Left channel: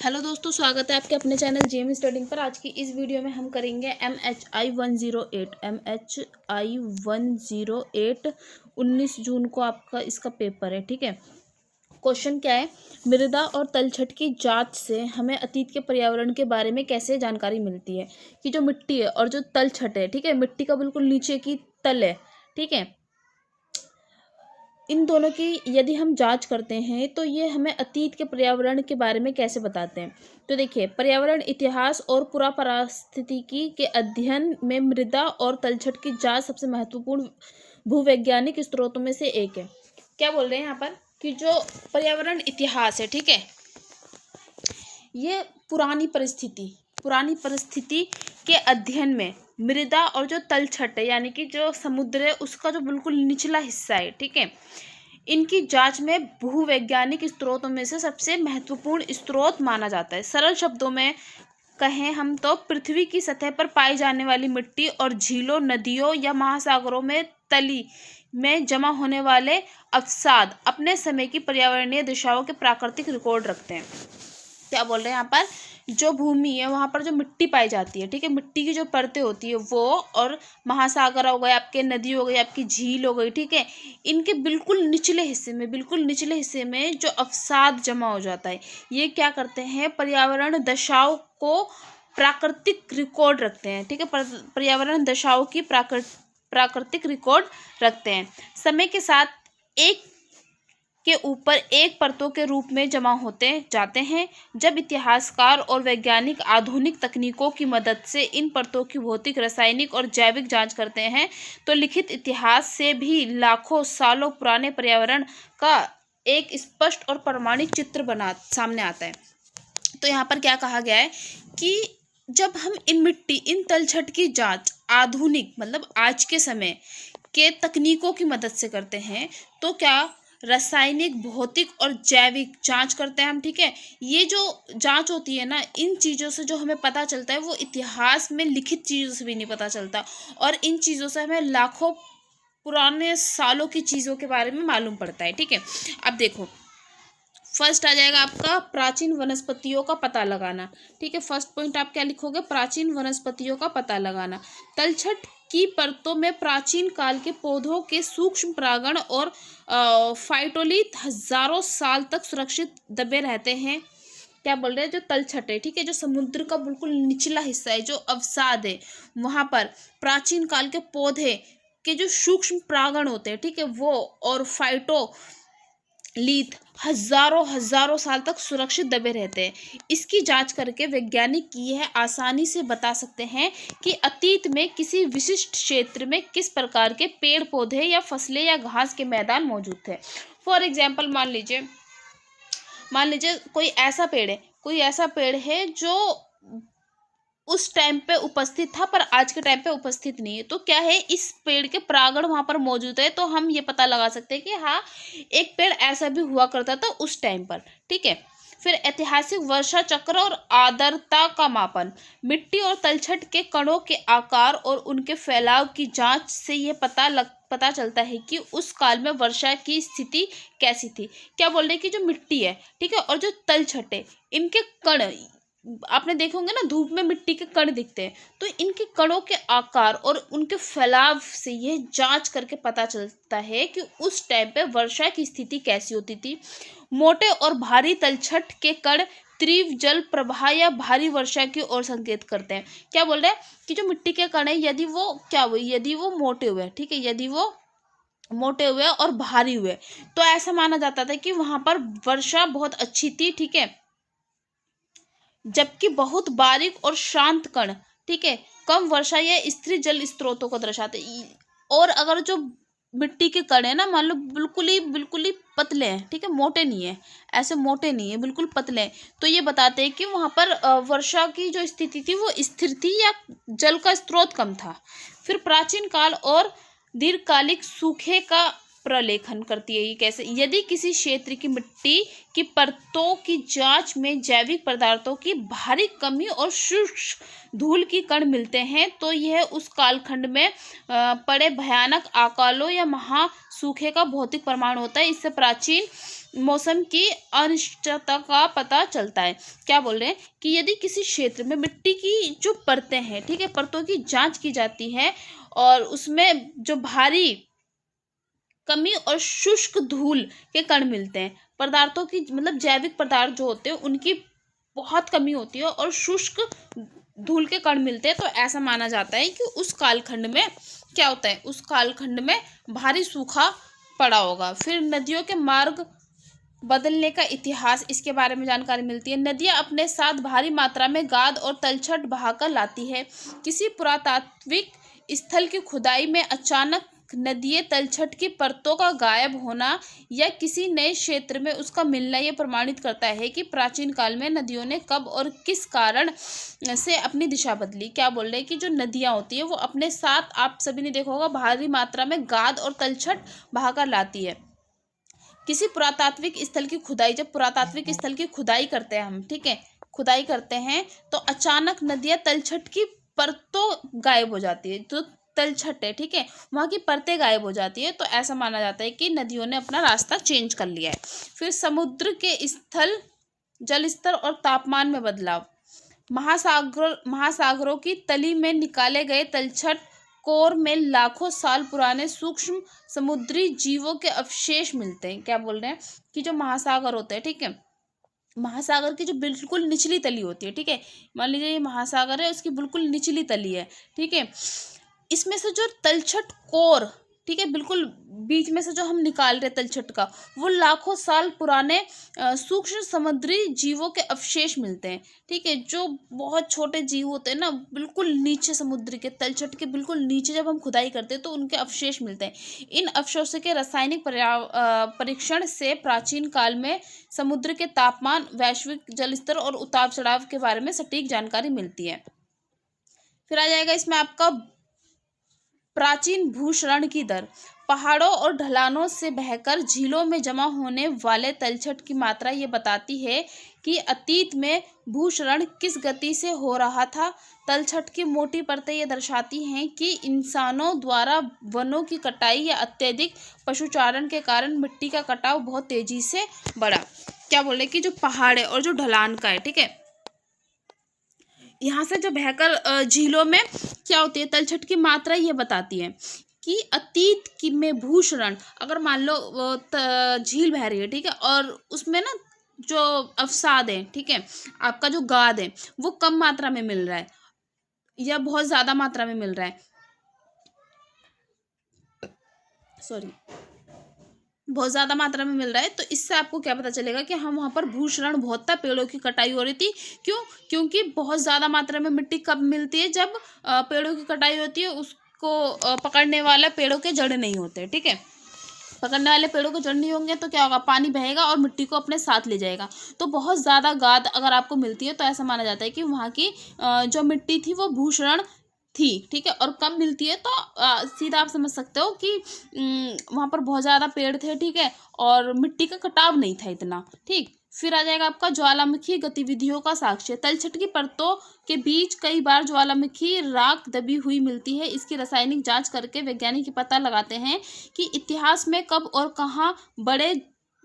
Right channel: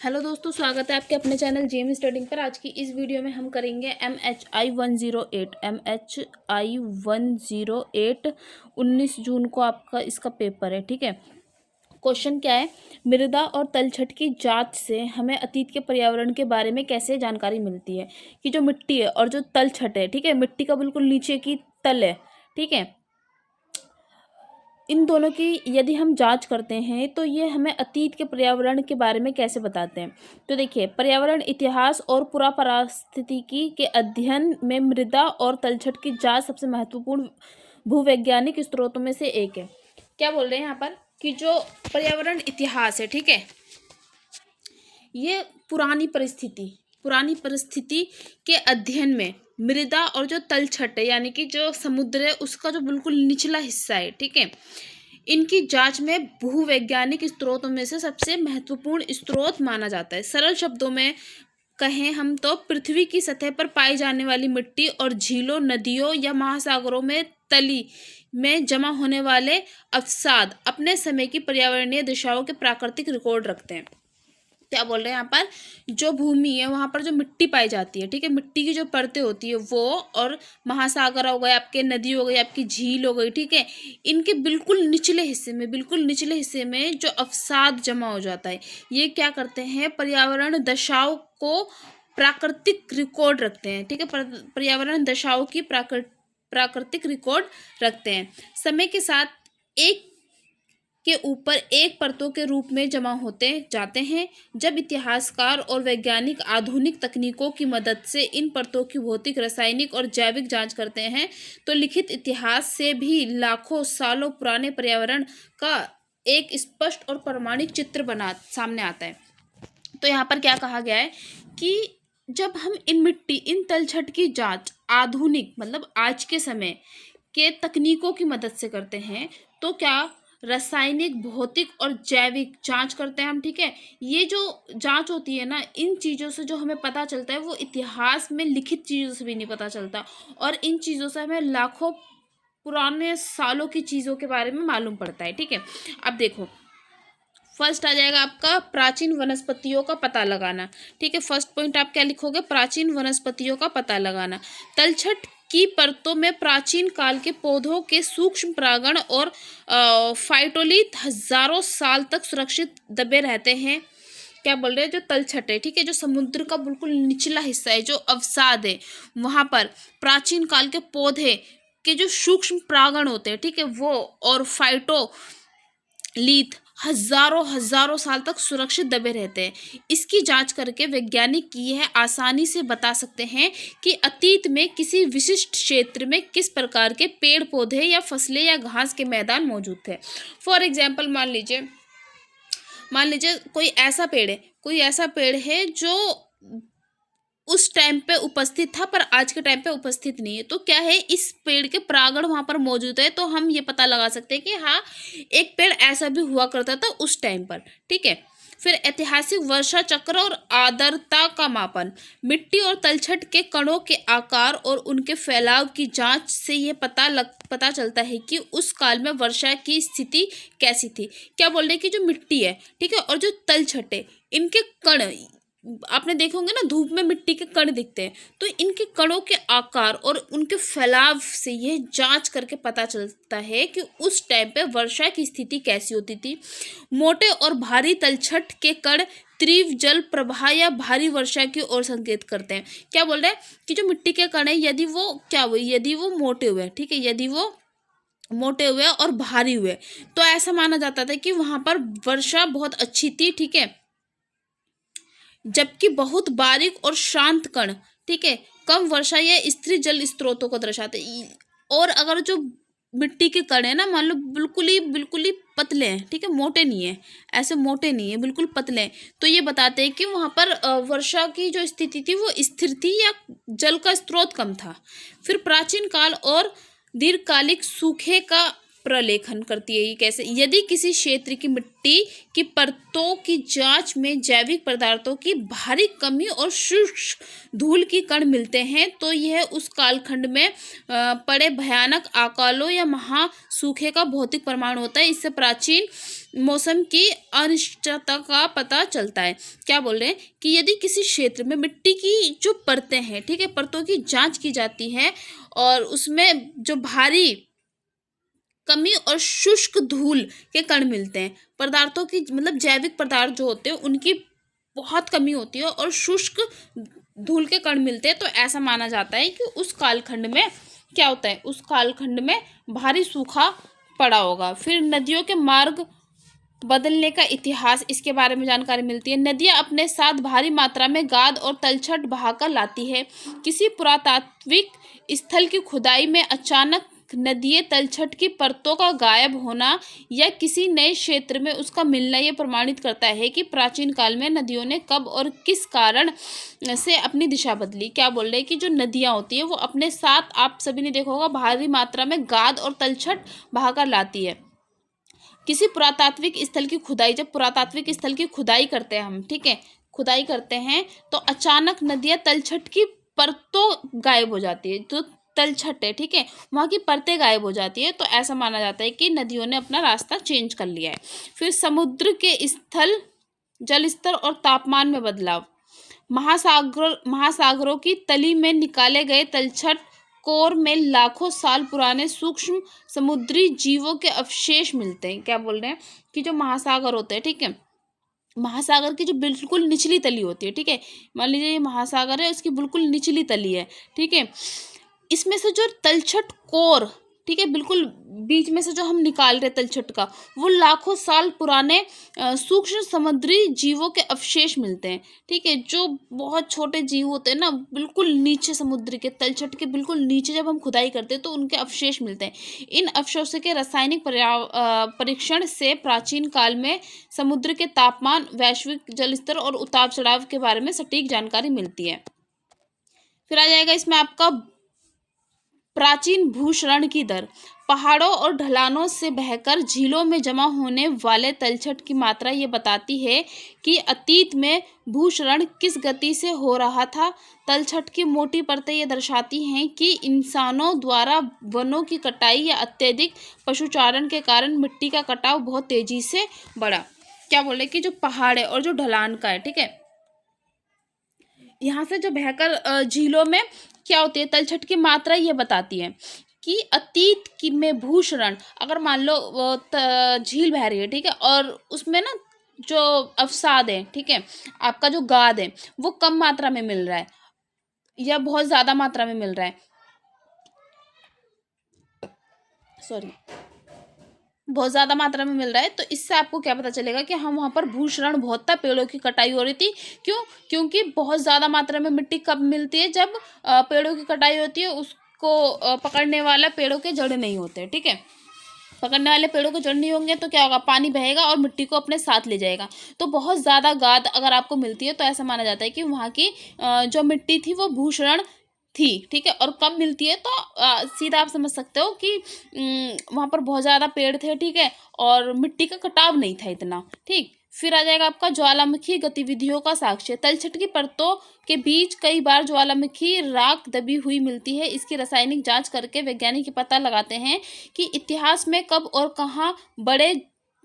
Hello दोस्तों, स्वागत है आपके अपने चैनल जेएम स्टडिंग पर। आज की इस वीडियो में हम करेंगे MHI 108 19 जून को आपका इसका पेपर है। ठीक है, क्वेश्चन क्या है, मृदा और तलछट की जांच से हमें अतीत के पर्यावरण के बारे में कैसे जानकारी मिलती है कि जो मिट्टी है और जो तलछट है, ठीक है, मिट्टी का बिल्कुल नीचे की तल है, ठीक है, इन दोनों की यदि हम जांच करते हैं तो ये हमें अतीत के पर्यावरण के बारे में कैसे बताते हैं। तो देखिए, पर्यावरण इतिहास और पुरा पारिस्थितिकी के अध्ययन में मृदा और तलछट की जांच सबसे महत्वपूर्ण भूवैज्ञानिक स्रोतों में से एक है। क्या बोल रहे हैं यहाँ पर कि जो पर्यावरण इतिहास है, ठीक है, ये पुरानी परिस्थिति के अध्ययन में मृदा और जो तलछट है यानी कि जो समुद्र है उसका जो बिल्कुल निचला हिस्सा है, ठीक है, इनकी जांच में भूवैज्ञानिक स्रोतों में से सबसे महत्वपूर्ण स्रोत माना जाता है। सरल शब्दों में कहें हम तो पृथ्वी की सतह पर पाई जाने वाली मिट्टी और झीलों, नदियों या महासागरों में तली में जमा होने वाले अवसाद अपने समय की पर्यावरणीय दिशाओं के प्राकृतिक रिकॉर्ड रखते हैं। क्या बोल रहे हैं यहाँ पर, जो भूमि है वहाँ पर जो मिट्टी पाई जाती है, ठीक है, मिट्टी की जो परतें होती है वो, और महासागर हो गए आपके, नदी हो गई आपकी, झील हो गई, ठीक है, इनके बिल्कुल निचले हिस्से में जो अवसाद जमा हो जाता है, ये क्या करते हैं, पर्यावरण दशाओं को प्राकृतिक रिकॉर्ड रखते हैं। ठीक है, पर्यावरण दशाओं की प्राकृतिक रिकॉर्ड रखते हैं। समय के साथ एक के ऊपर एक परतों के रूप में जमा होते जाते हैं। जब इतिहासकार और वैज्ञानिक आधुनिक तकनीकों की मदद से इन परतों की भौतिक, रासायनिक और जैविक जांच करते हैं तो लिखित इतिहास से भी लाखों सालों पुराने पर्यावरण का एक स्पष्ट और प्रमाणिक चित्र सामने आता है। तो यहाँ पर क्या कहा गया है कि जब हम इन तलछट की जांच आधुनिक मतलब आज के समय के तकनीकों की मदद से करते हैं तो क्या रासायनिक, भौतिक और जैविक जांच करते हैं हम, ठीक है, ये जो जांच होती है ना, इन चीज़ों से जो हमें पता चलता है वो इतिहास में लिखित चीज़ों से भी नहीं पता चलता, और इन चीज़ों से हमें लाखों पुराने सालों की चीज़ों के बारे में मालूम पड़ता है। ठीक है, अब देखो, फर्स्ट आ जाएगा आपका प्राचीन वनस्पतियों का पता लगाना। ठीक है, फर्स्ट पॉइंट आप क्या लिखोगे, प्राचीन वनस्पतियों का पता लगाना। तलछट की परतों में प्राचीन काल के पौधों के सूक्ष्म परागण और फाइटोलिथ हजारों साल तक सुरक्षित दबे रहते हैं। क्या बोल रहे हैं, जो तलछट है, ठीक है, जो समुद्र का बिल्कुल निचला हिस्सा है, जो अवसाद है, वहां पर प्राचीन काल के पौधे के जो सूक्ष्म परागण होते हैं, ठीक है, वो और फाइटोलिथ हजारों साल तक सुरक्षित दबे रहते हैं। इसकी जांच करके वैज्ञानिक यह आसानी से बता सकते हैं कि अतीत में किसी विशिष्ट क्षेत्र में किस प्रकार के पेड़ पौधे या फसलें या घास के मैदान मौजूद थे। फॉर एग्जाम्पल, मान लीजिए कोई ऐसा पेड़ है जो उस टाइम पे उपस्थित था पर आज के टाइम पे उपस्थित नहीं है, तो क्या है, इस पेड़ के परागण वहां पर मौजूद है, तो हम ये पता लगा सकते हैं कि हाँ, एक पेड़ ऐसा भी हुआ करता था उस टाइम पर। ठीक है, फिर ऐतिहासिक वर्षा चक्र और आर्द्रता का मापन। मिट्टी और तलछट के कणों के आकार और उनके फैलाव की जांच से यह पता चलता है कि उस काल में वर्षा की स्थिति कैसी थी। क्या बोल रहे हैं कि जो मिट्टी है, ठीक है, और जो तलछट है, इनके कण, आपने देखे होंगे ना, धूप में मिट्टी के कण दिखते हैं, तो इनके कणों के आकार और उनके फैलाव से यह जांच करके पता चलता है कि उस टाइम पे वर्षा की स्थिति कैसी होती थी। मोटे और भारी तलछट के कण तीव्र जल प्रवाह या भारी वर्षा की ओर संकेत करते हैं। क्या बोल रहे हैं कि जो मिट्टी के कण है, यदि वो मोटे हुए, ठीक है, यदि वो मोटे हुए और भारी हुए, तो ऐसा माना जाता था कि वहां पर वर्षा बहुत अच्छी थी। ठीक है, जबकि बहुत बारीक और शांत कण, ठीक है, कम वर्षा या स्थिर जल स्रोतों को दर्शाते। और अगर जो मिट्टी के कण है ना, मान लो बिल्कुल ही पतले हैं, ठीक है, मोटे नहीं है, ऐसे मोटे नहीं है, बिल्कुल पतले हैं, तो ये बताते हैं कि वहां पर वर्षा की जो स्थिति थी वो स्थिर थी या जल का स्रोत कम था। फिर प्राचीन काल और दीर्घकालिक सूखे का प्रलेखन करती है। ये कैसे, यदि किसी क्षेत्र की मिट्टी की परतों की जांच में जैविक पदार्थों की भारी कमी और शुष्क धूल की कण मिलते हैं तो यह उस कालखंड में पड़े भयानक अकालों या महासूखे का भौतिक प्रमाण होता है। इससे प्राचीन मौसम की अनिश्चितता का पता चलता है। क्या बोल रहे हैं कि यदि किसी क्षेत्र में मिट्टी की जो परतें हैं, ठीक है, परतों की जांच की जाती है और उसमें जो भारी कमी और शुष्क धूल के कण मिलते हैं, पदार्थों की मतलब जैविक पदार्थ जो होते हैं उनकी बहुत कमी होती है और शुष्क धूल के कण मिलते हैं, तो ऐसा माना जाता है कि उस कालखंड में क्या होता है, उस कालखंड में भारी सूखा पड़ा होगा। फिर नदियों के मार्ग बदलने का इतिहास, इसके बारे में जानकारी मिलती है। नदियाँ अपने साथ भारी मात्रा में गाद और तलछट बहाकर लाती है। किसी पुरातात्विक स्थल की खुदाई में अचानक नदीय तलछट की परतों का गायब होना या किसी नए क्षेत्र में उसका मिलना ये प्रमाणित करता है कि प्राचीन काल में नदियों ने कब और किस कारण से अपनी दिशा बदली। क्या बोल रहे हैं कि जो नदियाँ होती है वो अपने साथ, आप सभी ने देखा होगा, भारी मात्रा में गाद और तलछट बहाकर लाती है। किसी पुरातात्विक स्थल की खुदाई, जब पुरातात्विक स्थल की खुदाई करते हैं हम, ठीक है, खुदाई करते हैं तो अचानक नदियाँ तलछट की परतों गायब हो जाती है, तो तलछट है, ठीक है, वहाँ की परतें गायब हो जाती है, तो ऐसा माना जाता है कि नदियों ने अपना रास्ता चेंज कर लिया है। फिर समुद्र के स्थल, जल स्तर और तापमान में बदलाव। महासागरों की तली में निकाले गए तलछट कोर में लाखों साल पुराने सूक्ष्म समुद्री जीवों के अवशेष मिलते हैं। क्या बोल रहे हैं कि जो महासागर होते हैं, ठीक है, महासागर की जो बिल्कुल निचली तली होती है, ठीक है, मान लीजिए ये महासागर है, उसकी बिल्कुल निचली तली है, ठीक है, इसमें से जो तलछट कोर, ठीक है, बिल्कुल बीच में से जो हम निकाल रहे तलछट का, वो लाखों साल पुराने सूक्ष्म समुद्री जीवों के अवशेष मिलते हैं, ठीक है, जो बहुत छोटे जीव होते हैं ना, बिल्कुल नीचे समुद्र के तलछट के बिल्कुल नीचे जब हम खुदाई करते हैं तो उनके अवशेष मिलते हैं। इन अवशेषों के रासायनिक परीक्षण से प्राचीन काल में समुद्र के तापमान, वैश्विक जल स्तर और उतार चढ़ाव के बारे में सटीक जानकारी मिलती है। फिर आ जाएगा इसमें आपका प्राचीन भूक्षरण की दर। पहाड़ों और ढलानों से बहकर झीलों में जमा होने वाले तलछट की मात्रा ये बताती है कि अतीत में भूक्षरण किस गति से हो रहा था। तलछट की मोटी परतें ये दर्शाती हैं कि इंसानों द्वारा वनों की कटाई या अत्यधिक पशुचारण के कारण मिट्टी का कटाव बहुत तेजी से बढ़ा। क्या बोले कि जो पहाड़ है और जो ढलान का है, ठीक है, यहाँ से जो बहकर झीलों में क्या होती है, तलछट की मात्रा ये बताती है कि अतीत की में भूक्षरण, अगर मान लो झील बह रही है, ठीक है, और उसमें ना जो अवसाद है, ठीक है, आपका जो गाद है वो कम मात्रा में मिल रहा है या बहुत ज़्यादा मात्रा में मिल रहा है, सॉरी, बहुत ज़्यादा मात्रा में मिल रहा है, तो इससे आपको क्या पता चलेगा कि हम वहाँ पर भूक्षरण बहुत था, पेड़ों की कटाई हो रही थी। क्यों? क्योंकि बहुत ज़्यादा मात्रा में मिट्टी कब मिलती है, जब पेड़ों की कटाई होती है, उसको पकड़ने वाला पेड़ों के जड़ नहीं होते, ठीक है, पकड़ने वाले पेड़ों के जड़ नहीं होंगे तो क्या होगा, पानी बहेगा और मिट्टी को अपने साथ ले जाएगा। तो बहुत ज़्यादा गाद अगर आपको मिलती है तो ऐसा माना जाता है कि वहाँ की जो मिट्टी थी वो भूक्षण थी, ठीक है, और कम मिलती है तो सीधा आप समझ सकते हो कि वहाँ पर बहुत ज़्यादा पेड़ थे, ठीक है, और मिट्टी का कटाव नहीं था इतना, ठीक। फिर आ जाएगा आपका ज्वालामुखी गतिविधियों का साक्ष्य। तलछट की परतों के बीच कई बार ज्वालामुखी राख दबी हुई मिलती है। इसकी रासायनिक जांच करके वैज्ञानिक ये पता लगाते हैं कि इतिहास में कब और कहाँ बड़े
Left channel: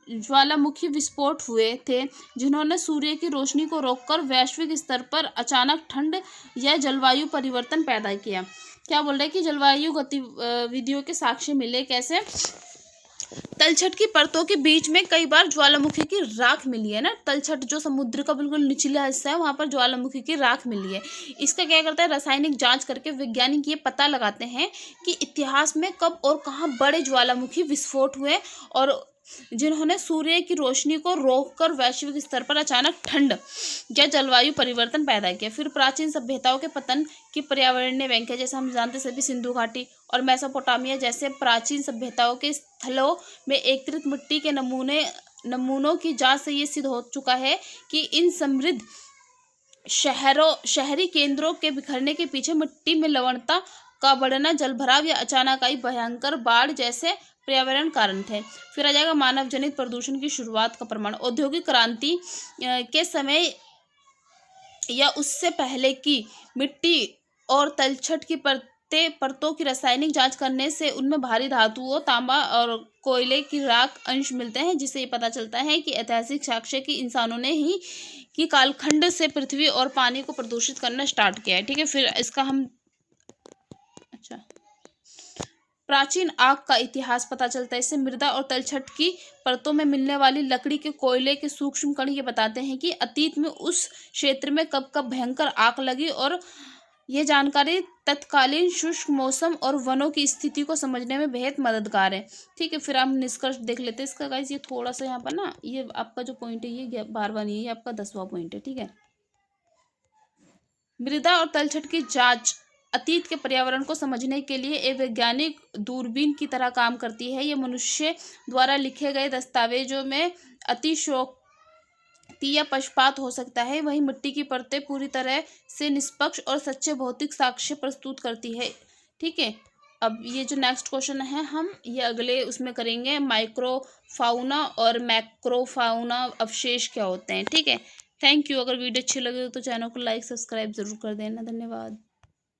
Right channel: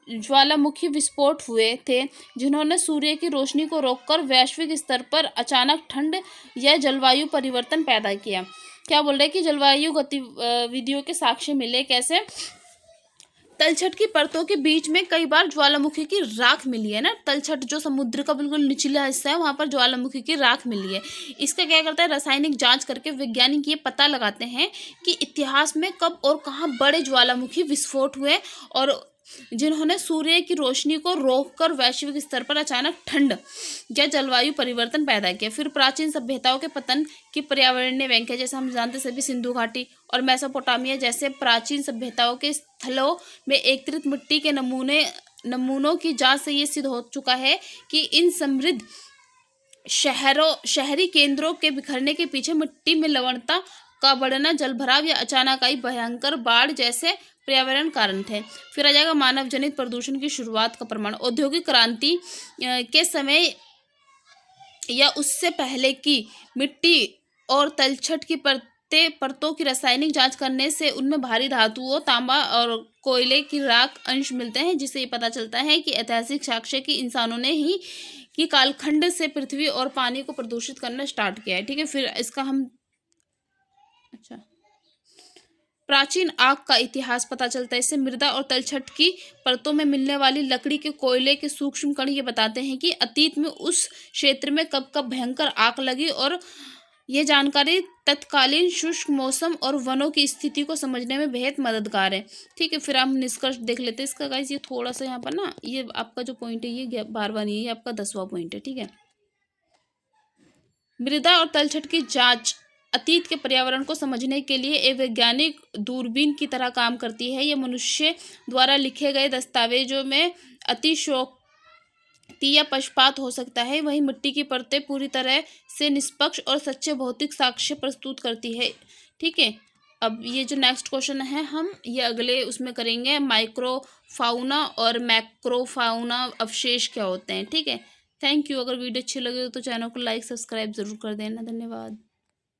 ज्वालामुखी विस्फोट हुए थे, जिन्होंने सूर्य की रोशनी को रोककर वैश्विक स्तर पर अचानक ठंड या जलवायु परिवर्तन पैदा किया। क्या बोल रहे हैं कि जलवायु गतिविधियों के साक्ष्य मिले, कैसे? तलछट की परतों के बीच में कई बार ज्वालामुखी की राख मिली है ना, तलछट जो समुद्र का बिल्कुल निचला हिस्सा है वहां पर ज्वालामुखी की राख मिली है। इसका क्या करता है, रासायनिक जांच करके वैज्ञानिक ये पता लगाते हैं कि इतिहास में कब और कहाँ बड़े ज्वालामुखी विस्फोट हुए और जिन्होंने सूर्य की रोशनी को रोककर वैश्विक स्तर पर अचानक ठंड या जलवायु परिवर्तन पैदा किया। फिर प्राचीन सभ्यताओं के पतन की पर्यावरणीय व्याख्या, जैसे हम जानते सभी सिंधु घाटी और मेसोपोटामिया जैसे प्राचीन सभ्यताओं के स्थलों में एकत्रित मिट्टी के नमूनों की जांच से ये सिद्ध हो चुका है कि इन समृद्ध शहरी केंद्रों के बिखरने के पीछे मिट्टी में लवणता का बढ़ना, जलभराव या अचानक आई भयंकर बाढ़ जैसे पर्यावरण कारण थे। फिर आ जाएगा मानव जनित प्रदूषण की शुरुआत का प्रमाण। औद्योगिक क्रांति के समय या उससे पहले की मिट्टी और तलछट की परतें परतों की रासायनिक जांच करने से उनमें भारी धातुओं, तांबा और कोयले की राख अंश मिलते हैं, जिससे ये पता चलता है कि ऐतिहासिक साक्ष्य की इंसानों ने ही कि कालखंड से पृथ्वी और पानी को प्रदूषित करना स्टार्ट किया है। ठीक है, फिर इसका हम अच्छा प्राचीन आग का इतिहास पता चलता है। इससे मृदा और तलछट की परतों में मिलने वाली लकड़ी के कोयले के सूक्ष्म कण ये बताते हैं कि अतीत में उस क्षेत्र में कब कब भयंकर आग लगी, और यह जानकारी तत्कालीन शुष्क मौसम और वनों की स्थिति को समझने में बेहद मददगार है। ठीक है, फिर हम निष्कर्ष देख लेते हैं इसका गाइस। ये थोड़ा सा यहाँ पर ना, ये आपका जो पॉइंट है ये 12वां नहीं है, ये आपका 10वां पॉइंट है। ठीक है, मृदा और तलछट की जांच अतीत के पर्यावरण को समझने के लिए एक वैज्ञानिक दूरबीन की तरह काम करती है। यह मनुष्य द्वारा लिखे गए दस्तावेजों में अतिशयोक्ति या पक्षपात हो सकता है, वहीं मिट्टी की परतें पूरी तरह से निष्पक्ष और सच्चे भौतिक साक्ष्य प्रस्तुत करती है। ठीक है, अब ये जो नेक्स्ट क्वेश्चन है हम ये अगले उसमें करेंगे, माइक्रोफाउना और मैक्रोफाउना अवशेष क्या होते हैं। ठीक है, थैंक यू। अगर वीडियो अच्छी लगे तो चैनल को लाइक सब्सक्राइब जरूर कर देना। धन्यवाद।